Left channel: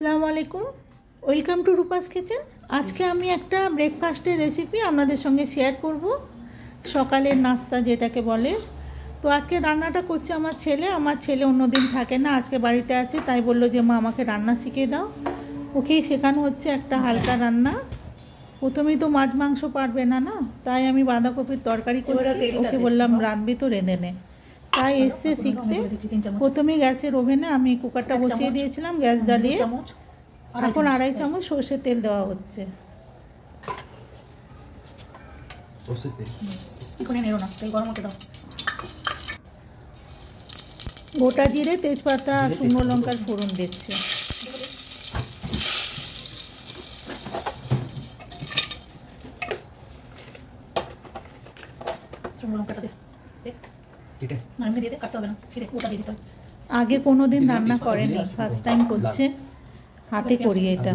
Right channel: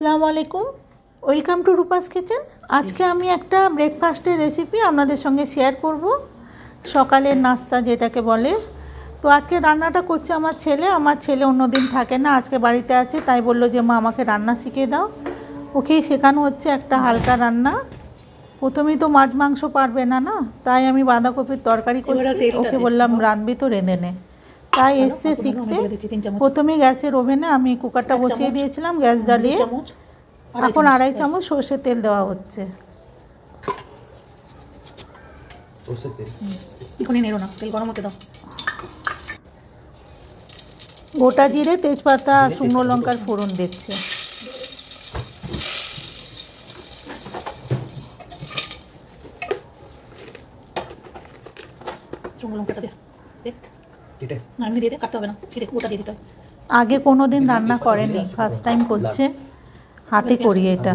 আসসালামু আলাইকুম, welcome to Rupa's kitchen. আজকে আমি একটা ব্রেকফাস্টের রেসিপি আপনাদের সঙ্গে শেয়ার করব, সকালের নাস্তা যেটাকে বলে। তো আজকে রান্নাটা করছে আমার ছেলে অন্যদিন থাকে না, আজকে বাড়িতে আছে, তাই বললো যে মা আমাকে রান্না শিখিয়ে দাও। ওকেই শেখানো হচ্ছে একটা হালকা রান্না। প্রথমেই তো মাছ মাংস পারবে না, তাই আমি বাঁধাকপির তরকারি করছি। ওকে বললাম রাঁধবি তো রেঁধে নে, তাই এসছে শিখতে। প্রথমে গ্যাসের ওভেনে আমি কুকারটা বসিয়ে দিয়েছিলাম, গ্যাস জ্বালিয়ে। এখন 2.5 চামচ সর্ষের তেল দেওয়া হচ্ছে। গোটা জিরে, তেজপাতা, শুকনো লঙ্কার ফোড়ন দিচ্ছে। আগে কোনোদিন রান্না করেনি, ফার্স্ট টাইম করছে, হাতে করি এটা।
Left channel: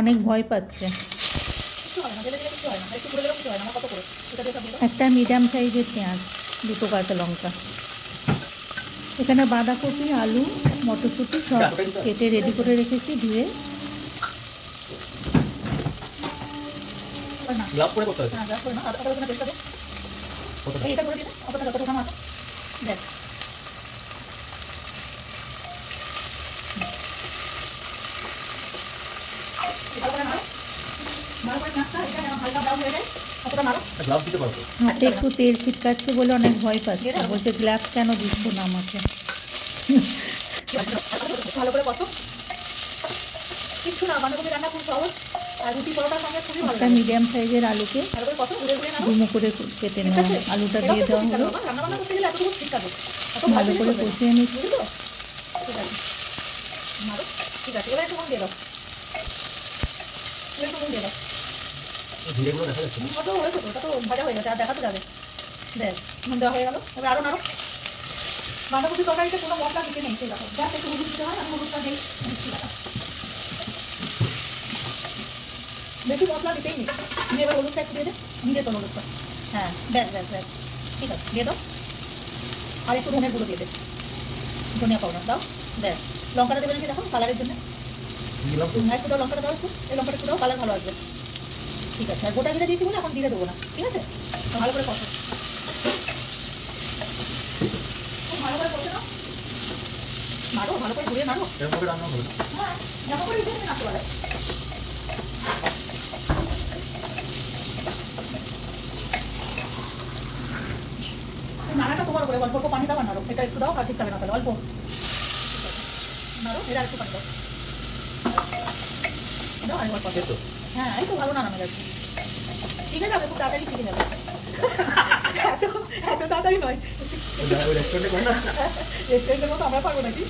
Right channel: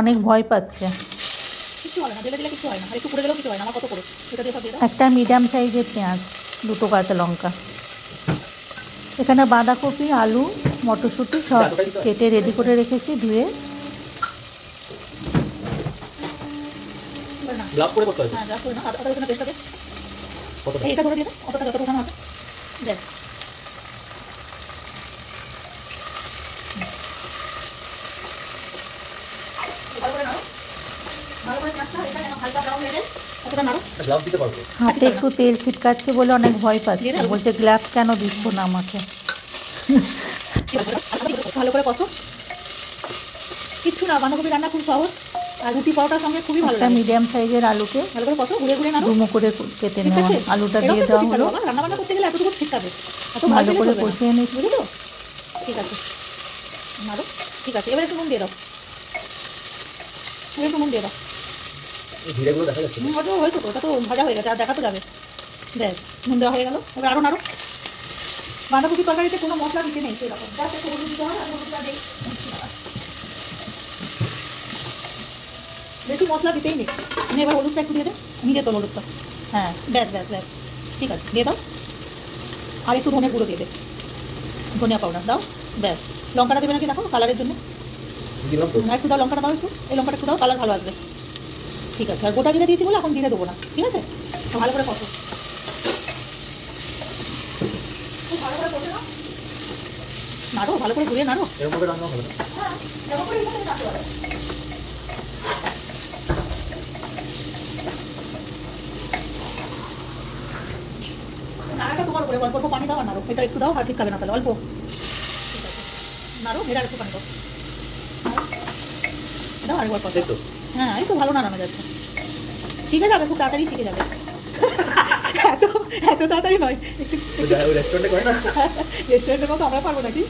অনেক ভয় পাচ্ছে। একটা মিডিয়াম সাইজের পেঁয়াজ, 2টো কাঁচা লঙ্কা। এখানে বাঁধাকপি, আলু, মটরশুঁটি সব কেটে রেডি করে রেখেছি, ধুয়ে। হাতে একটু তেল ছিটকাচ্ছে বলে অনেক ভয় পাচ্ছে, বলছে গ্লাভস কেন দিচ্ছ না আমাকে। ভালো করে কষো, কিচ্ছু না, বাঁধাকপি রান্না খুব সহজ, আর রুটি পরোটার সঙ্গে খুবই ভালো। একটা মিডিয়াম সাইজের আলুকে ডুমো করে কেটে নেওয়া, আলুটা দিয়ে দেওয়া হলো। রান্না বান্না করতে গেলে এতটুকু ঠিক আছে, ভালো করে কষিয়ে নিচ্ছি। ঠিক আছে, মারো, ঠিক আছে। এবার একটু নুন দিয়ে দাও, একটু নুন দিয়ে দাও। জিরেগুলো দেখা যাচ্ছে, হয়তো হয়েছে, ওটা তো ভাজা হয়ে গেছে, আর দেখা তো যাবে। দেখ, নুন দেওয়া হয়ে গেল। এবার আরও নাড়ো। বাঁধাকপি তরকারিতে কোনো মশলা দিতে নেই, সেরকম জাস্ট একটু হলুদ দিতে হয়, আর হলুদটা নেই, বেশি মশলা দিতেই নেই। তুমি এবার হলুদটা একটু দিয়ে দে, নিয়ে তোলো হলুদটা। হ্যাঁ, ব্যাস ব্যাস ব্যাস, ঠিক আছে, দিয়ে দাও। আর একটু ধনে গুঁড়ো দিয়ে দে, ধনিয়া পাউডার দাও, ব্যাস। লঙ্কাটা দেবে নাকি দেখো, কালারের জন্য একটু দাও, লঙ্কাটা দাও একটু, এই লঙ্কাটা একটু দাও, কালার ভালো আসবে। ঠিক আছে, আর গোটা জিরে দিয়েছি বলে এখন জিরে দেবো না, ঠিক আছে। ভালো করে কষো, ভালো করে কষে নাও, নাড়ো, ভালো করে ঘুরিয়ে নাড়ো। হ্যাঁ, যেমন করে এটা তুমি নাড়তে পারো। নাড়াটা তোমার উপরে, অল্প অল্প পানি দাও আর নাড়ো। এটা একটু দাও, আর ঠিক খাবে না তাহলে, অল্প নাড়ো, এটা একটু পানি দাও, দাও আরেক অল্প। হ্যাঁ, এই তো ভালো নাড়ানো যাচ্ছে, ঠিক আছে। খুব তাড়াতাড়ি শিখে যাবে, এত তাড়াতাড়ি নয়, রেস্টুরেন্টের মতো আমরা পারবো নাকি।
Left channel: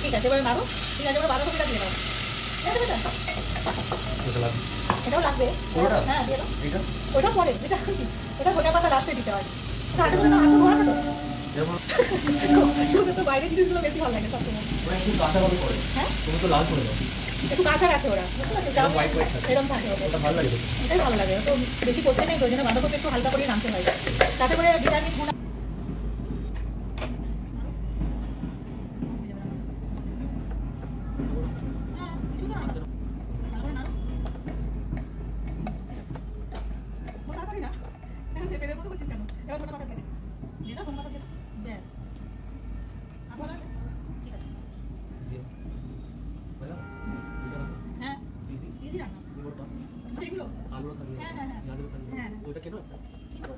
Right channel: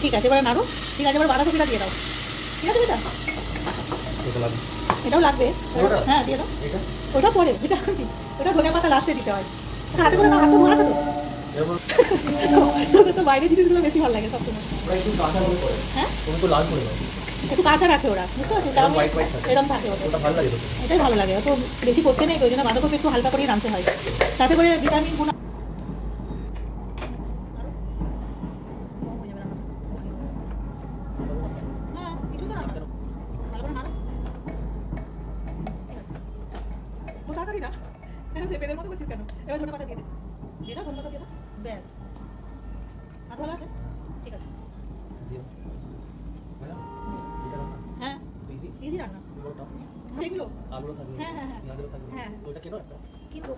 ঠিক আছে, এবার নাড়ো, ঠিক আছে। এবার বাঁধাকপিটা দিয়ে দাও, ঠিক আছে বেটা, এটাও লাগবে। হ্যাঁ, দিয়ে দাও, ওটা পরে, ওটা ধনে পাতা লাস্টে দিতে হয়। হাতে করে না, হাতে ধোয়া আছে তো, তো বাইরের জিনিসগুলো বেশি ভালো লাগে সবসময়। হ্যাঁ, একটু কাঁচা রাখে ওরা, এরকম থাকে, এটাই ভালো লাগে। অত বেশি করতে নেই, ওই জন্য বাঁধাকপি একটু হালকা করে রাঁধতে হয়, তাতে করে ভিটামিনগুলো।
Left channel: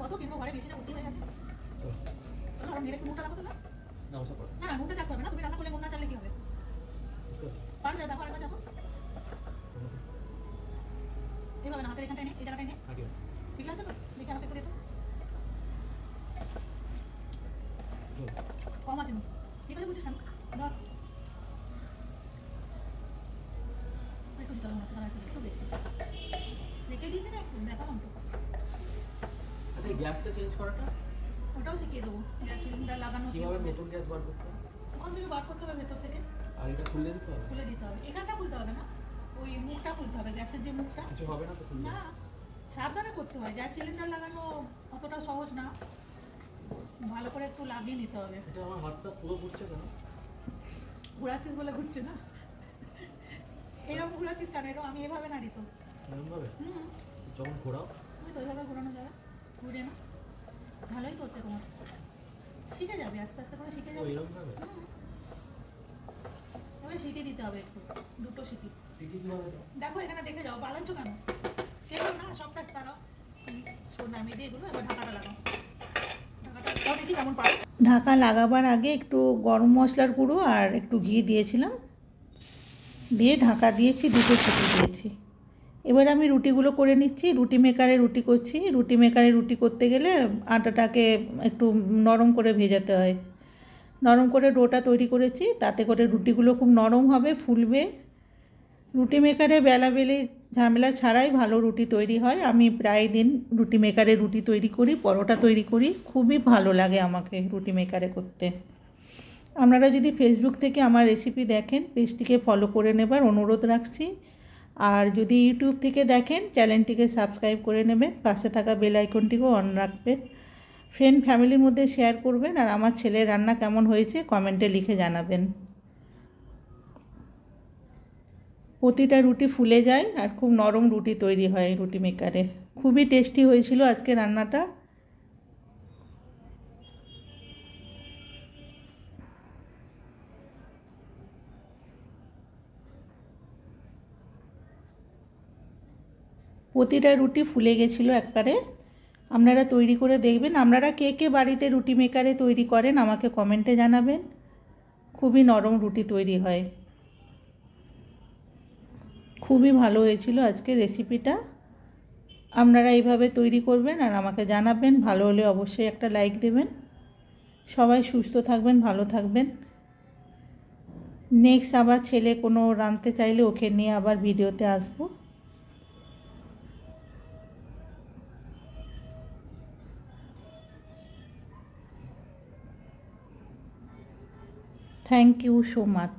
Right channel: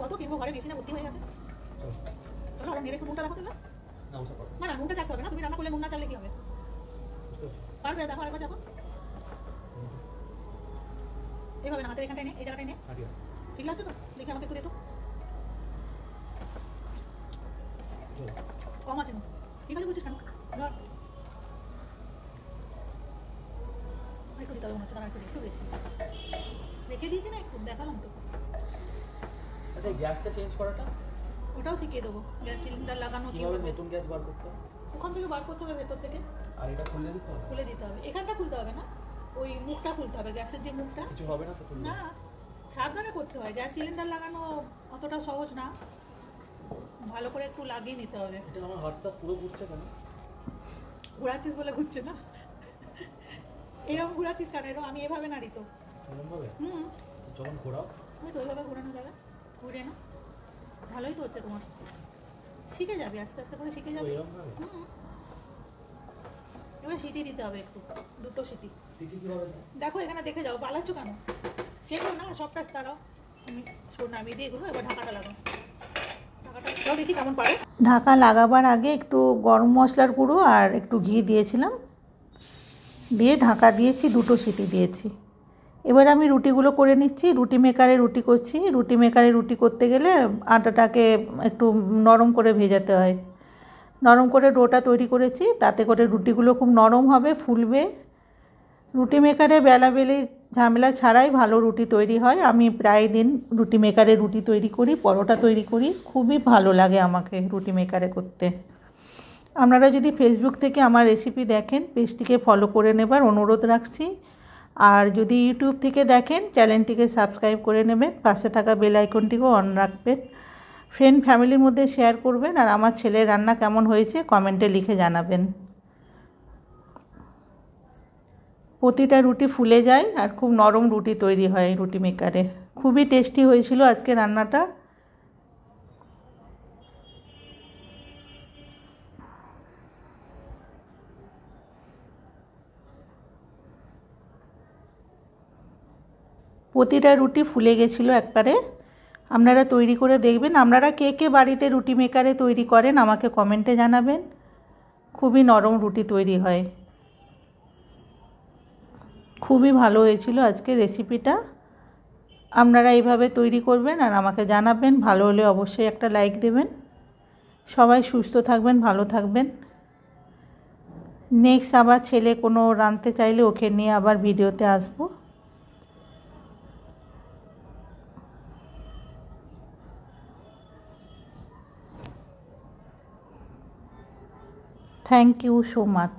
কত কিনবো, ঘরে বেশি না, ভর্তি হয়ে গেছে। একটু নুনটা রাখো, না না, নুনটা চাকতে হবে না, তুমি রান্না করলে নুন না চাললে কি হবে, কারণ দেখো আরেকবার দেখো, এইভাবে না, হাতের এখানটায় নে, এই জায়গাটায় নে, ঠিক আছে তো। লিখে আমাকে একটু দে তো, কম আছে, ঠিক আছে বলছিস কেন, একটু দিতে হবে, একটু বেশি রেখে দিয়েছি না, একটু দেখালাম তো। আচ্ছা, গ্যাসটা চেঞ্জ করাটা ওটাও শিখিয়ে দেবো, গ্যাস সিলিন্ডার লাগানো কিভাবে, নতুন গ্যাস বার করতে হবে, ওখান থেকে বার করতে হবে, ভেতর থেকে। আর এটা খুলে দিতে হবে, খুলে দিতে হবে, এখানটা খুলতে হবে না, ওই মুখটা খুলতে হবে, গ্যাসের যে মুখটা। কিছু হবে না তো খুললে? না, সাবধানে করতে হয়, গ্যাস সিলিন্ডার লাগানো অতটা সহজ না, ভালো করে একটু লাগিয়ে নিতে হবে। এটা আমার হাতটা পুরো ঘুরছে কেন? ঘোরাচ্ছিস বলে ঘুরছে না, এইরকম ঘোরাচ্ছিস কেন? এরকম আমি এভাবে নাড়ি তো। এরকম ভাবে যখন ঘোরাও ওই তো ওইভাবে ঘোরানো যাবে, ঘুরে না, ভালোই তো হচ্ছে তোমার, শিখে যাবে আস্তে আস্তে করে শিখে যাবে। এরকম ভাবে এবার সিটি দিতে হবে একটু, 2টো সিটি। সিটি কিভাবে দেয়? দেখো এখানে দেখে যাও, পালাচ্ছ কেন? সেগুলো না সবটা তারাও নামিয়ে দিয়ে এগুলো, এবার ঢাকাটা লাগাও, ঢাকাটা ও দেখি কেমন পারো। ঢাকা লাগাবার আগে একটু গরম মশলার গুঁড়ো আর একটু ঘি দিয়েছিলাম, দিয়ে ঢাকা দিয়েছি, 2টো সিটি দিয়েছি। এবার আমি রুটিগুলো করে নিচ্ছি, রুটি মেকারে রুটি করছি। রুটি মেকারে রুটি করতে গেলে আটাটাকে একটু নরম করে ভেজাতে হয়। নরম করে ডোটা তৈরি করেছি, তাতে করে রুটিগুলো খুব নরম হবে, ফুলবে। রুটি মেকারে বেলাবেলি ঝামেলা ছাড়াই ভালো রুটি তৈরি হয়। আমি প্রায় দিন রুটি মেকারে রুটি তৈরি করি, পরোটা তৈরি করি, খুবই ভালো লাগে আমাকে রুটি মেকারে করতে। আপনারা যদি ফেসবুক থেকে আমার রেসিপি দেখেন, পেজটিকে ফলো করে নেবার অনুরোধ রাখছি। আর যদি ইউটিউব থেকে দেখেন, চ্যানেলটিকে সাবস্ক্রাইব করে নেবেন, পাশে থাকা বেল আইকনটিকেও অন রাখবেন। ফ্রেন্ড ফ্যামিলির মধ্যে শেয়ার করবেন, আর আমার ছেলের রান্না কেমন হয়েছে কমেন্টে লিখে জানাবেন। প্রতিটা রুটি ফুলে যায় আর খুব নরম রুটি তৈরি হয় রুটি মেকারে। খুবই টেস্টি হয়েছিল আজকে রান্নাটা। প্রতিটা রুটি ফুলে গেছিলো একবারে। আপনারা তৈরি করে দেখবেন। আপনারা কে কে বাড়িতে রুটি মেকারে তৈরি করেন আমাকে কমেন্টে জানাবেন। খুবই নরম রুটি তৈরি হয়। খুবই ভালো হয়েছিল আজকে রেসিপিটা। আপনারা এইভাবে তৈরি করবেন আর আমাকে জানাবেন। ভালো হলে অবশ্যই একটা লাইক দেবেন। সবাই সুস্থ থাকবেন, ভালো থাকবেন। নেক্সট আবার ছেলে কোনো রাঁধতে চাইলে ওকে নিয়ে আবার ভিডিওতে আসবো। Thank you so much.